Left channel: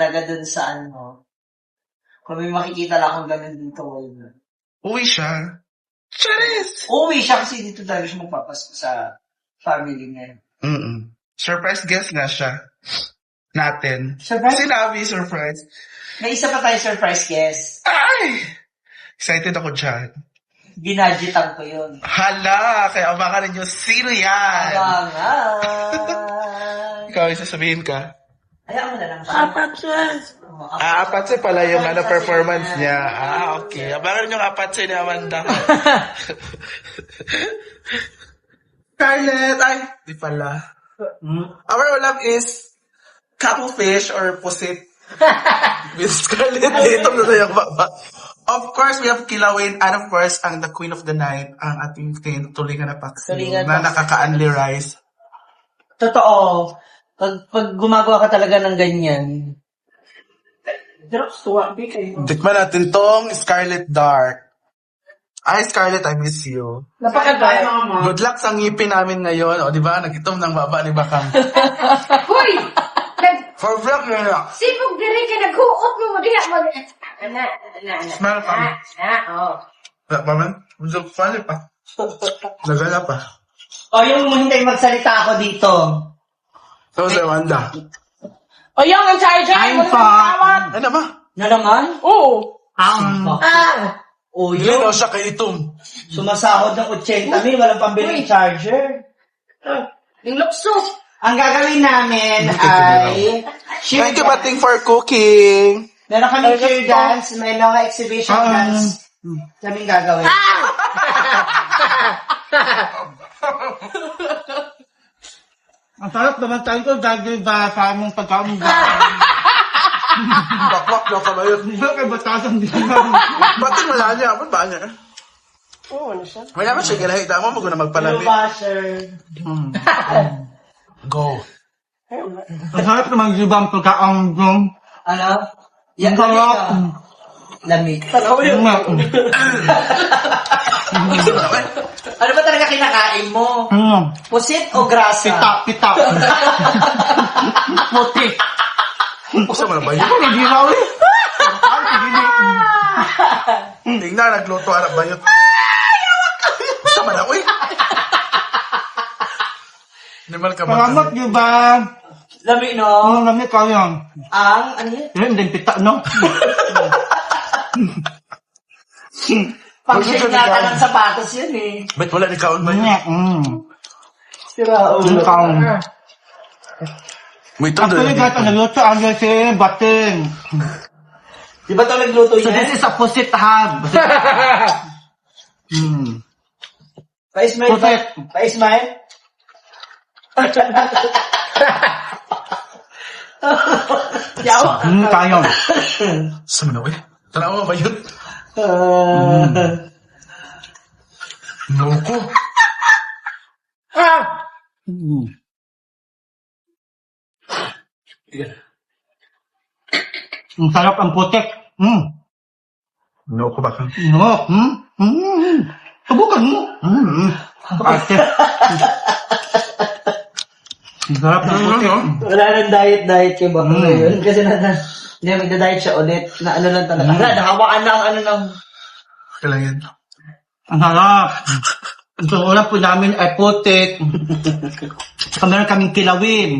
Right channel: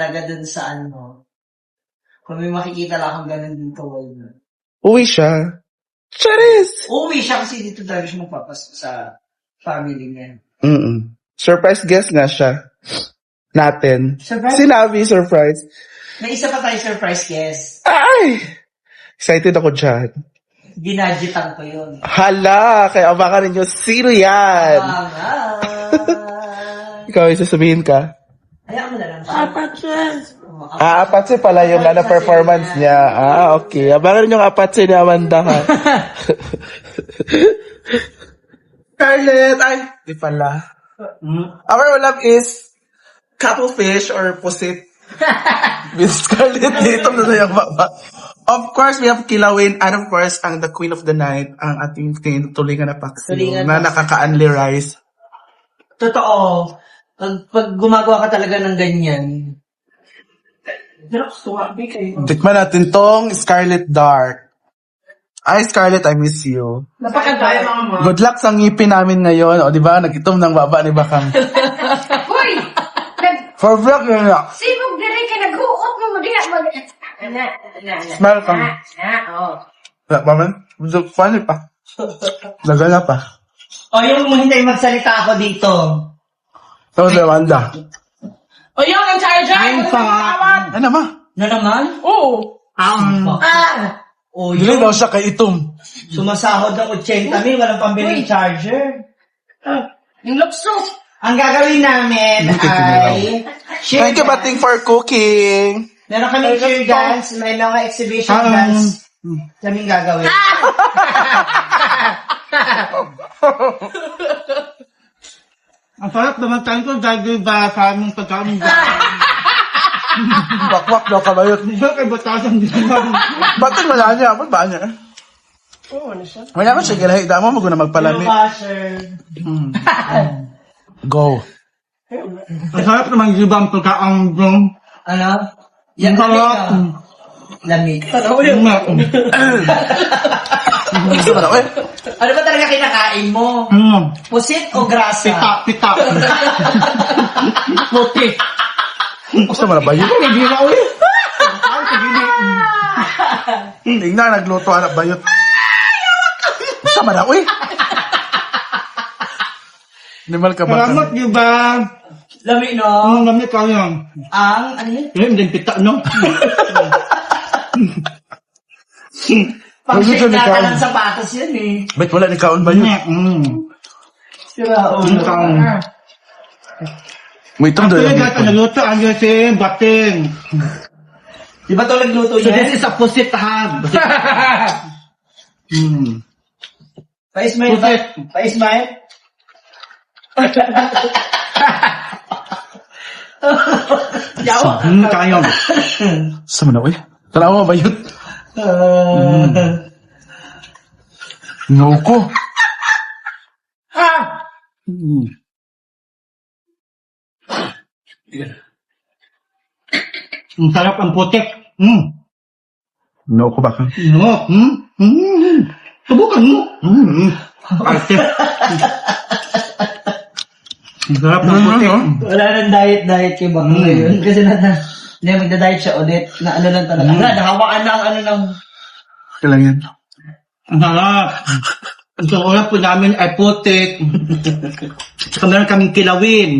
talaga dun sa ano, kung may makikita lang akong ganun dito, wala. Uwi siya. Charis! Uuwi siya kasi dito talaga siya magpapasko sa family niya. Surprise guest nga siya. Natin. Surprise? Sinabi, surprise. May isa pa tayo surprise guest. Ay! Excited ako dyan. Ginadgetan ko yun. Hala! Kaya abangan ninyo, sino yan? Ikaw, may sasabihin ka? Hayaan mo na lang. Apatse pala yung performance niya. Okay. Abangan ninyo yung apatse ni Amanda. Scarlett! Ay, di pala. Our love is cuttlefish or pusit. With Scarlett dito na yung baba. Of course, we have Kilawin and of course, ang the queen of the night, ang ating tulingan na paksiw na nakaka-unli rice. Totoo. Pag gumagawa ka talaga ng ganyan, Tikman natin tong Scarlet Dark. Ay, Scarlett, I miss you. Good luck sa ngipin namin ngayon. O, di ba? Nag-itom ng baba ni Bakang. Hoy! For vlog na. Sipog na rin ka nag-uot mo Smile ka. Wala pa man? Funny pa. Lagana pa. o yung hindi magsalita ako dito. So, si Amanda. O yung ang charger! I'm fine. Ano ma? Na naman? Oo! O Dili yun, daw siya kay itom. sumasahod ng 80,000, walang pambili ng charger. Yung luksos! Ang gagawin namin ay Thank you, Bating, for cooking. meron kami cheer dance, may mga exhibition dance kaming gagawin. Ang sarap naman tayo ko dahil ba sa aming pagkain ba? Wakwak daw kabayot. Hindi kay batasan din lang. Bating wala niya. Ba't ba niya? Wala ka siya. Gilahig mo. Mag-una magpalami. Passer. Go. Ang sarap naman di ba ang pagkain dyan? Ano? Ang sarap. Lamig. Ano ba talaga kinakain mo? Ano? Pusit o grasa? Pita. Puti. Gusto mo na ba yun? Hindi na ulit. Ay, sige na. Tingnan, nagluto anak bayot. Gusto mo na, uy. Nimal ka ba? Salamat di ba? Lamig, no? Ang lamig ka yan. Ano? Hindi pita, no? Pag-check Gusto ni yata Kaon. ng sapatos yun eh. Ba't wala ni Kaon ba yun? Sira Ang kaon. Wait, ito Ang doon. tuloy natin naluto ang yasin, bating. Di ba ito nagluto So niya? this is a pusit hab. Pa-smile ba? Pusit. Pa-smile? Yaw? Tayo. Gusto mo na, uy. Tanawa ba yun? Noko. Ang sarap ang putik. Noko ba ka? No. Subukan mo. Ate. Ang sarap ng putik. Wala nang diet kay Bako ngayon. Kasi hindi magda-diet siya ulit. Na ano lang talaga. Wala, nahawaan na ang ano lang. Kailan yan? Ang sarap. Ang sarap po namin ay putik. Tsaka meron kaming kilawin.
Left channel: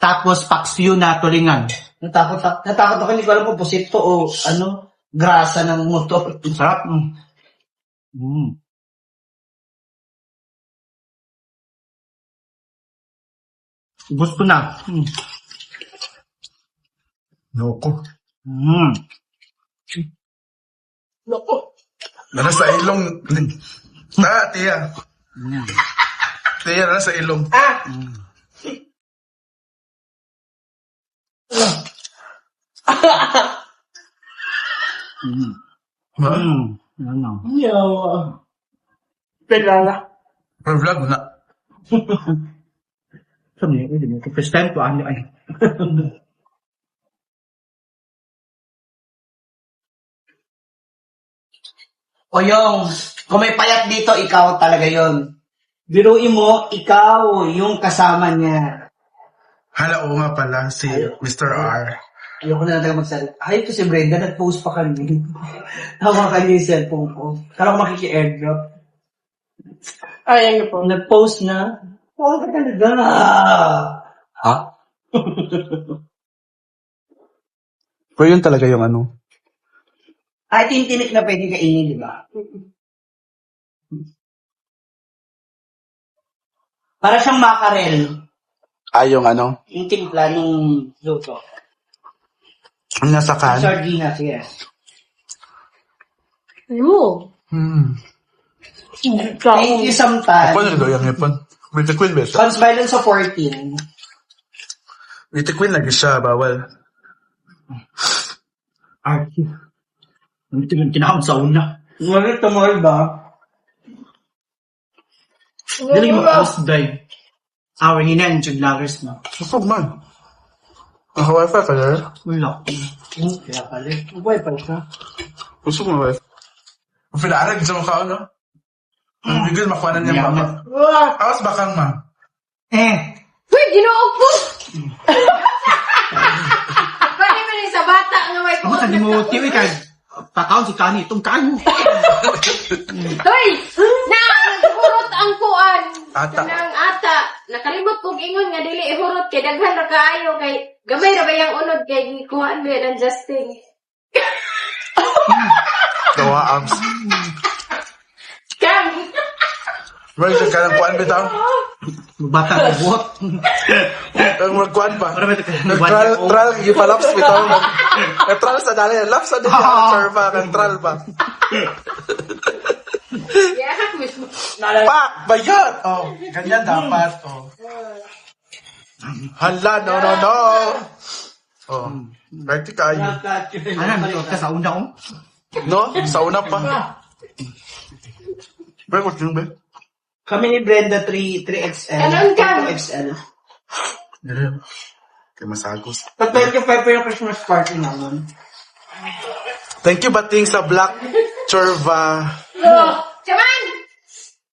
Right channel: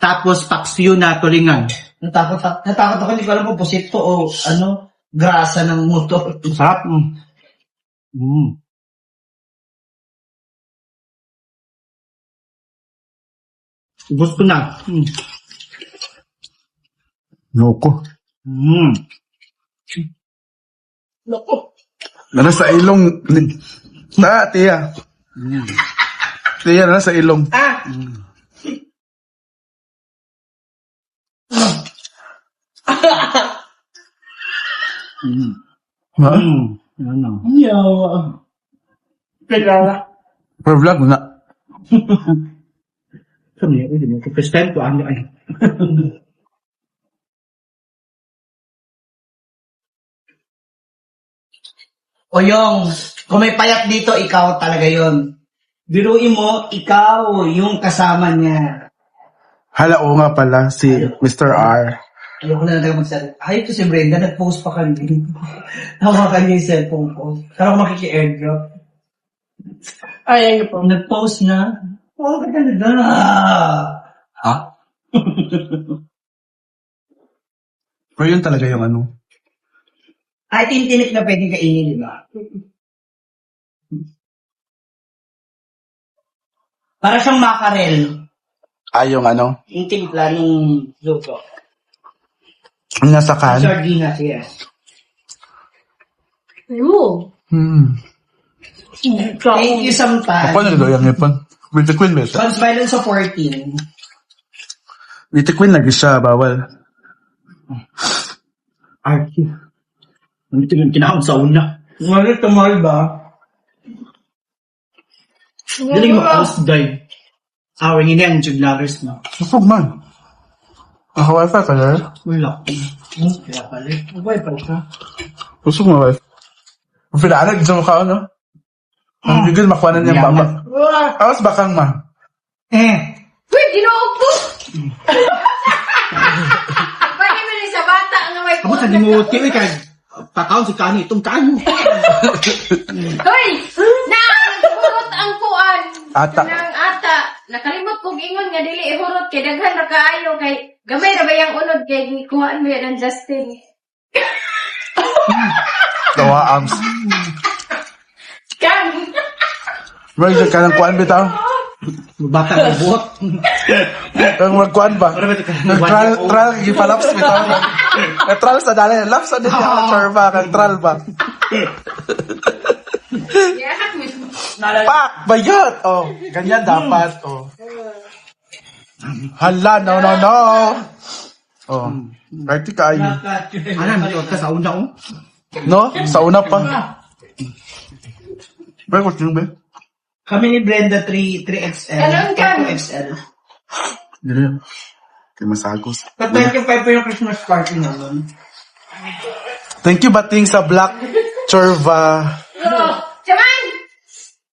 Tapos paksiw na tulingan. Natakot ako. Hindi ko alam kung pusit to o ano, grasa ng motor. Ang sarap. Gusto na. Noko. Loko. Nasa ilong. Tiya. Tiya, nasa ilong. Ha? Ano? Yaw. Teka. For vlog na. Sabi niya, hindi mo. First time ko, ano ay. O yung, kung may payat dito, ikaw talaga yon. Biruin mo, ikaw yung kasama niya. Hala, oo nga pala, si Mr. R. Ayoko na talaga magsalita. Ay, ito si Brenda, nag-post pa kanina. Hawakan niya yung cellphone ko. Kala ko makiki-airdrop. Ay, ano po. Nag-post na. Oo, ka talaga. Ha? Pero yun talaga yung ano. Ay, tintinik na pwede kainin, di ba? Para siyang makarel. Yung ano. Yung timpla ng luto. Nasa kan. Sardinas, yes. Ayun. Thank you sometimes. Ako nagdo yung ipon. With the queen, besa. Sounds violent supporting. With the queen lagi siya, bawal. Archie. Hindi kinahon sa una. Ngunit tumal ba? Dili ma-post day. Awing ina ang juglares na. Sufog man. Ang Hawaii pa ka na? Wala. Kaya pala. Buhay pa siya. Gusto mo ba? Ang pinarag sa mukha, no? Ang bigil makuha na niyang baba. Awas bakang ma. Uy, ginoog po! Kaya na ni sa bata nga may Ako sa mo tiwi kay pakaon si kani itong kani. Uy! Nagburot ang kuan. Ata. Nang ata. Nakalimot kong ingon nga dili ihurot kay daghan ra kaayo kay gamay ra ba yung unod kay kuan ba ng Justin. Gawa arms. Kam. Meron ka ng kuwan bitaw? Bata na buhok. Ang magkuhan ba? Nag-trial, gipalaps bitaw. Nag-trial sa dali. Laps sa din yung serva. Nag-trial ba? Yeah, Pak! Bayot! Oh, ganyan dapat. Oh. Hala, no. Oh, party kayo. Anan dito ka sa una ko. No? Sa una pa. Pero kung ba? Kami ni Brenda 3XL. Meron ka. 2XL. Ganyan. Kaya masagos. Pag-thank pa yung Christmas party naman. Thank you, Bating, sa Black Chorva. Chaman!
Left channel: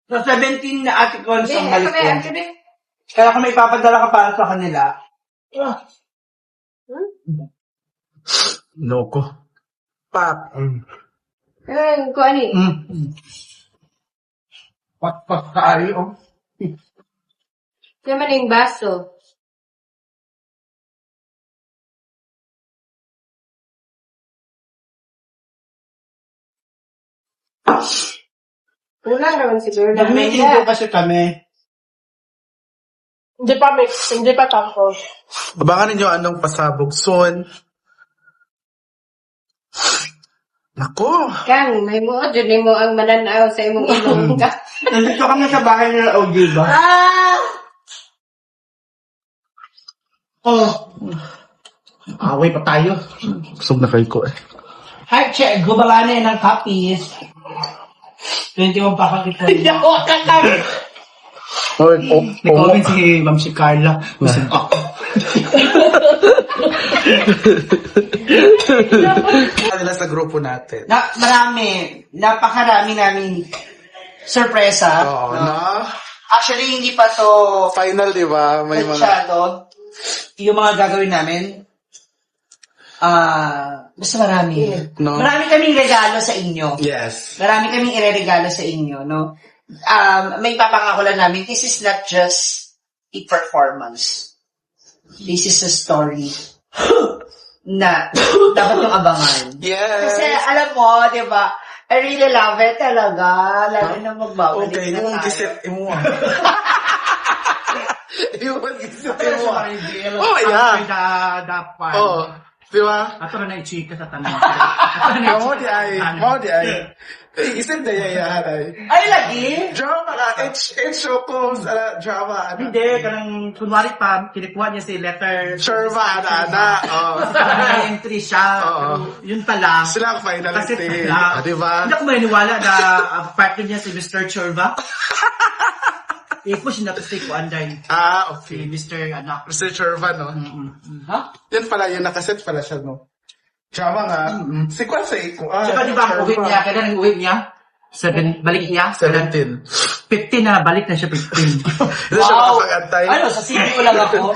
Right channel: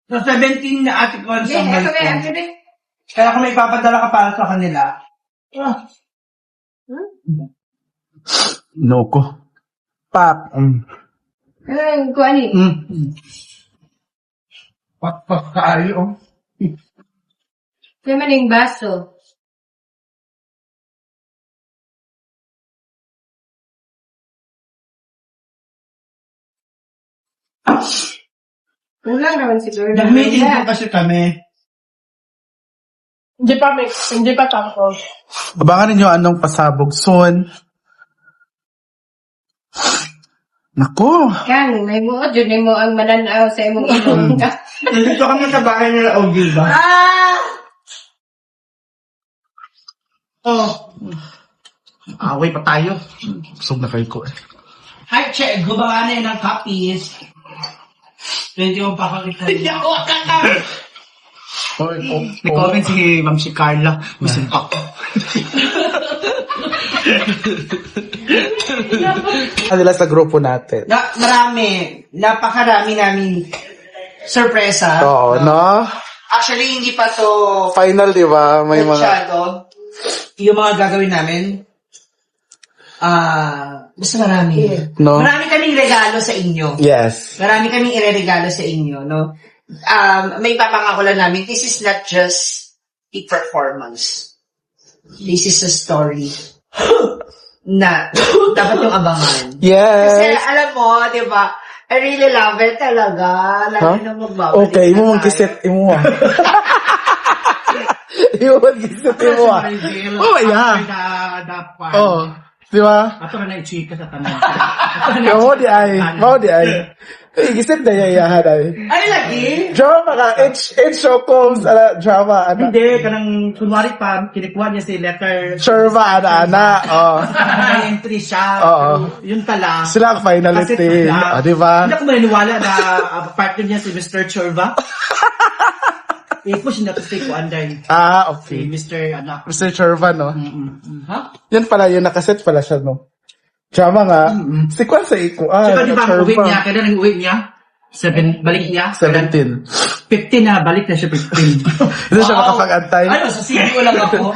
So, 17 na ate ko Hindi, sa ako malit na, ko. ako na. Kaya kung may ipapadala ka para sa kanila, No ko. Pak. Ang kuan eh. Pat kaayo. Kaya man yung baso. Wala naman siguro. Nag-meeting ko kasi kami. Hindi pa tako. Abangan ninyo anong pasabog soon. Nako. Kang, may mo, dyan mo ang mananaw sa imong ilong. Nandito kami sa bahay ng Ogiba. Away pa tayo. Sub na feel ko eh. Hi, check. Gubalanin ng copies. 21 pa kakita. Yawa ka lang. Nag-comment si Ma'am si Carla. Gusto ako. Nila sa grupo natin. Marami. Napakarami namin sorpresa. Oo, no? Actually, hindi pa to Final, di ba? May mga... masyado. Yung mga gagawin namin. Basta marami. No? Marami kaming regalo sa inyo. Yes. Marami kaming ireregalo sa inyo, no? May papangako lang namin, this is not just a performance. This is a story na dapat yung abangan. Kasi Yes. alam mo, di ba, I really love it talaga. Lalo na magbabalik. Okay, na imo tayo. mag-isip, imo. Imo mag-isip, imo. Oh, yeah. Dapat. Oh, di ba? Ato na i-chika sa tanan. Mao di ay. Kaya gisip na yayahan ay. Ay, lagi? Drama ka, H Shocoms, drama, Hindi, kanang kunwari pa, kinikuha niya si letter. Sherva, ana. Oh. May entry siya. Oo. Yun pala. Sila ang finalist Kasi eh. pala, Di ba? Hindi ako maniniwala na partner niya si Mr. Chorva. I-push na to si Kuanday. Si Okay. Mr. Anak. Mr. Sherva, no? Ha? Yan pala, yung nakaset pala siya, no? Drama nga. Si Kwan sa ikuan. Saka di ba ang uwi niya, kaya nang uwi niya, Balik niya? 17. 15 na, balik na siya 15. Hindi siya makapag-antay. Ano, sa CBO lang ako.